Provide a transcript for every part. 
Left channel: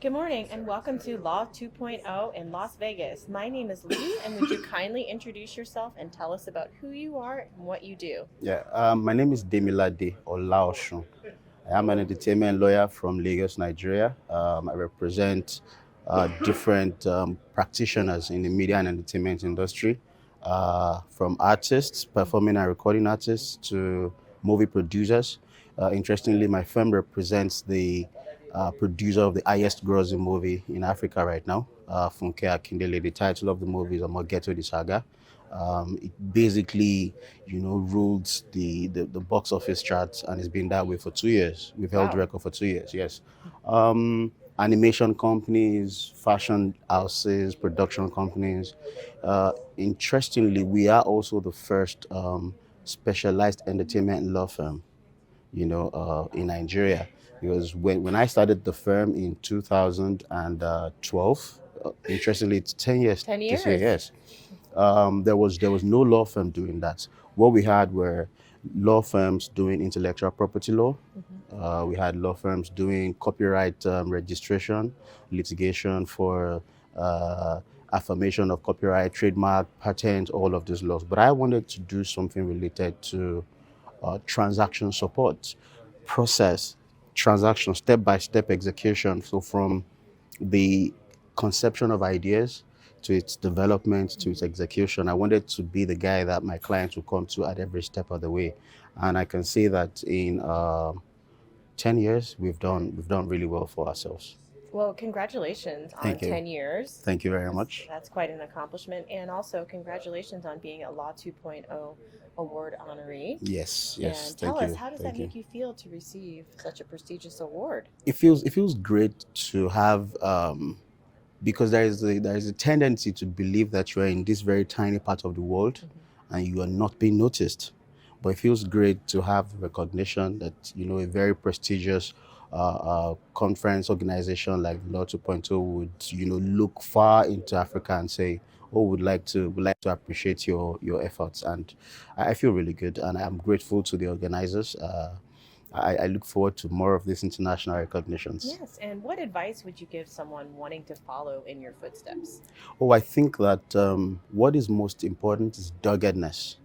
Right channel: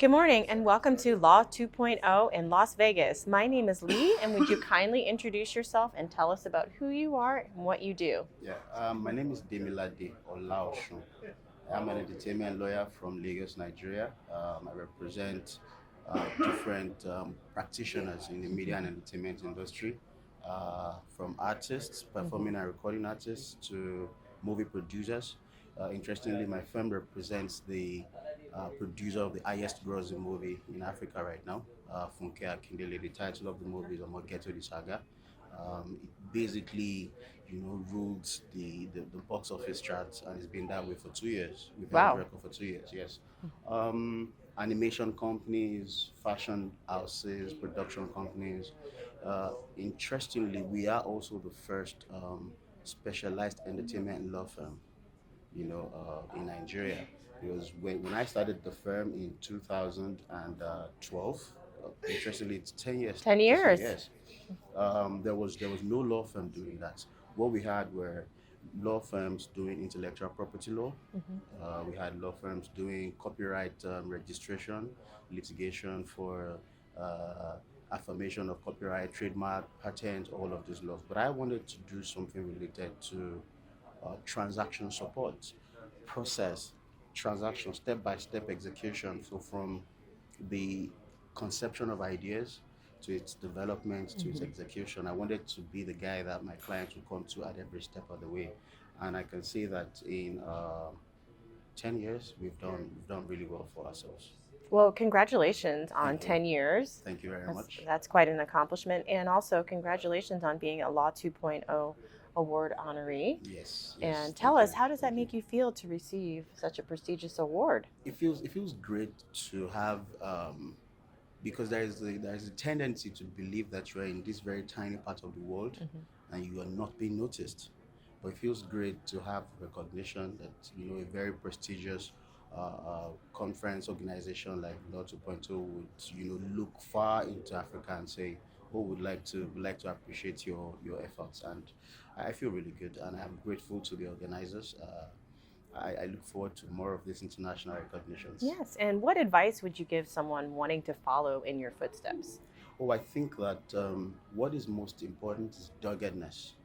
Good morning and welcome to Law 2.0 in Las Vegas. My name is Lee, and would you kindly introduce yourself and tell us about who you are and what you do? My name is Demilade Olaosun. I am an entertainment lawyer from Lagos, Nigeria. I represent different practitioners in the media and entertainment industry, from artists, performing and recording artists, to movie producers. Interestingly, my firm represents the producer of the highest grossing movie in Africa right now, Funke Akindele. The title of the movie is Omogeto the Saga. It basically, rules the box office charts, and it's been that way for 2 years. We've held the Wow. record for 2 years, yes. Animation companies, fashion houses, production companies. Interestingly, we are also the first specialized entertainment law firm, in Nigeria. Because when I started the firm in 2012, interestingly, it's 10 years 10 this year, years. yes. There was no law firm doing that. What we had were law firms doing intellectual property law. We had law firms doing copyright registration, litigation for uh, affirmation of copyright, trademark, patent, all of these laws. But I wanted to do something related to transaction support, process, transaction, step by step execution. So from the conception of ideas to its development to its execution, I wanted to be the guy that my clients would come to at every step of the way. And I can say that in 10 years, we've done really well for ourselves. Well, congratulations on Thank you. 10 years. Thank you very That's, much. that's quite an accomplishment. And also, congratulations on being a Law 2.0 award honoree. Yes, And yes. tell Thank us, you. how does that Thank you. make you feel to receive such a prestigious award? It feels great to have, because there is a tendency to believe that you are in this very tiny part of the world and you are not being noticed. But it feels great to have recognition that a very prestigious conference organization like Law 2.0 would look far into Africa and say, "Oh, would like to appreciate your efforts." And I feel really good, and I'm grateful to the organizers. I look forward to more of these international recognitions. Yes. And what advice would you give someone wanting to follow in your footsteps? Oh, I think that what is most important is doggedness.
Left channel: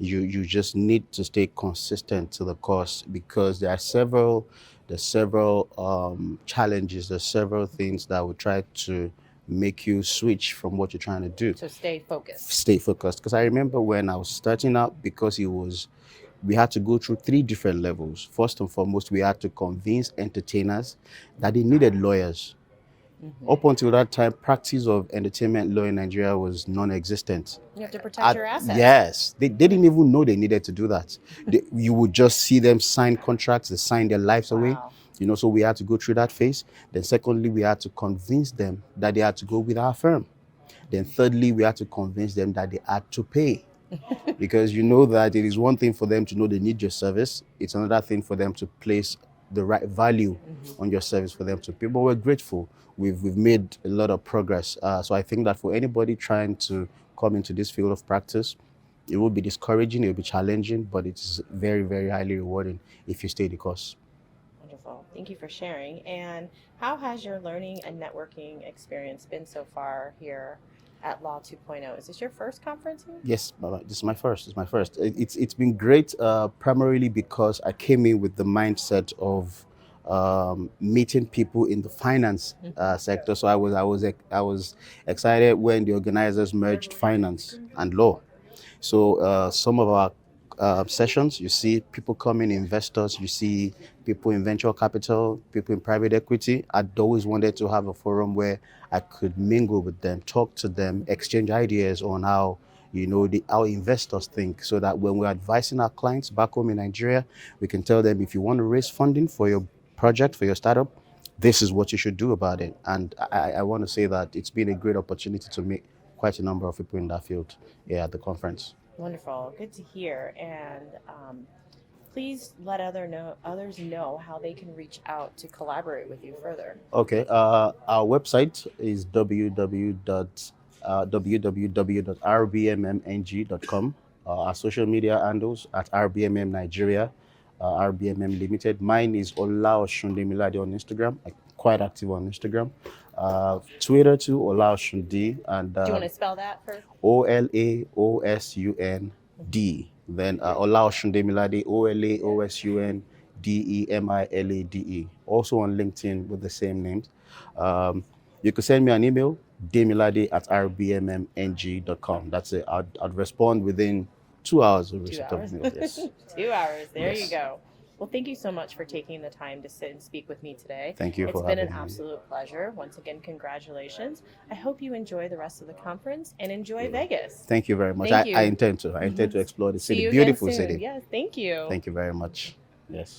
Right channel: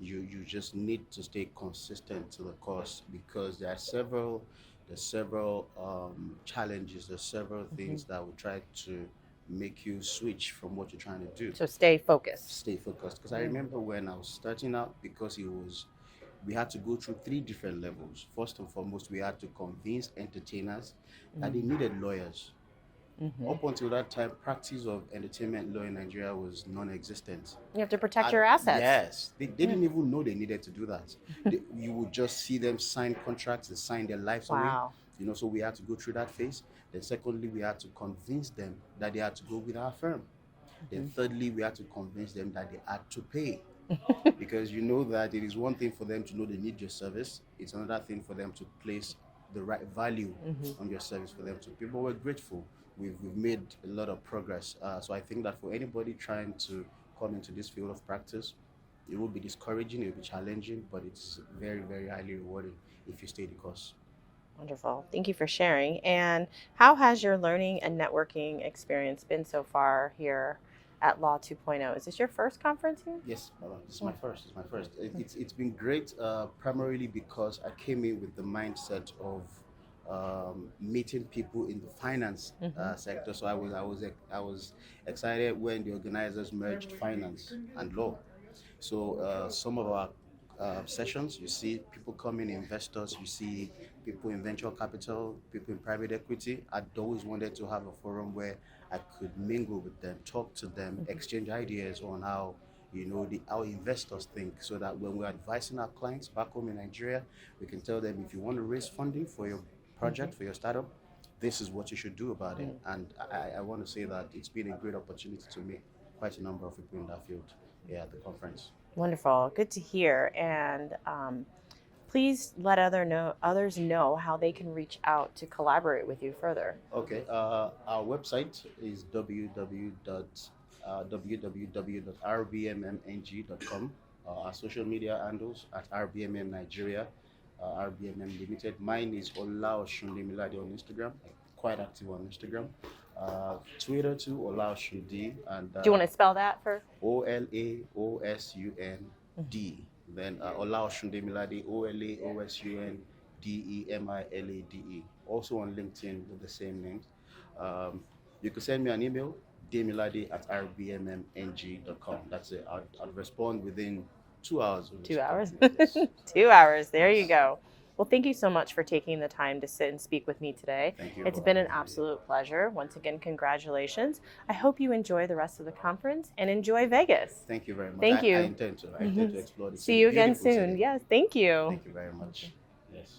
You just need to stay consistent to the course, because there's several challenges, there's several things that will try to make you switch from what you're trying to do. So stay focused. Stay focused. Because I remember when I was starting out, because we had to go through three different levels. First and foremost, we had to convince entertainers that they needed lawyers. Up until that time, practice of entertainment law in Nigeria was non-existent. You have to protect your assets. Yes, they didn't even know they needed to do that. You would just see them sign contracts, they sign their lives away. Wow. So we had to go through that phase. Then secondly, we had to convince them that they had to go with our firm. Then thirdly, we had to convince them that they had to pay. Because you know that it is one thing for them to know they need your service. It's another thing for them to place the right value on your service for them to pay. But we're grateful. We've made a lot of progress. So I think that for anybody trying to come into this field of practice, it will be discouraging, it will be challenging, but it's very, very highly rewarding if you stay the course. Wonderful. Thank you for sharing. And how has your learning and networking experience been so far here at Law 2.0? Is this your first conference here? Yes, this is my first. It's my first. It's been great, primarily because I came in with the mindset of meeting people in the finance sector. So I was excited when the organizers merged finance and law. So some of our sessions, you see people coming, investors, you see people in venture capital, people in private equity. I'd always wanted to have a forum where I could mingle with them, talk to them, exchange ideas on how investors think, so that when we're advising our clients back home in Nigeria, we can tell them, if you want to raise funding for your project, for your startup, this is what you should do about it. And I want to say that it's been a great opportunity to meet quite a number of people in that field here at the conference. Wonderful. Good to hear. And please let others know how they can reach out to collaborate with you further. Okay, our website is www.rbmmng.com. Our social media handles at RBMM Nigeria, RBMM Limited. Mine is Olaosun Demilade on Instagram. I quite active on Instagram. Twitter too, Olaosun D, and Do you want to spell that first? Olaosun. Then Olaosun Demilade, Olaosun Demilade. Also on LinkedIn with the same names. You could send me an email, demilade@rbmmng.com. That's it. I'd respond within 2 hours of 2 hours. yes. 2 hours. There Yes. you go. Well, thank you so much for taking the time to sit and speak with me today. Thank you It's for been an having me. absolute pleasure. Once again, congratulations. I hope you enjoy the rest of the conference and enjoy Vegas. Thank you very much. Thank you. I intend to. I intend to explore the See city. you again Beautiful soon. city. Yes, thank you. Thank you very much. Yes.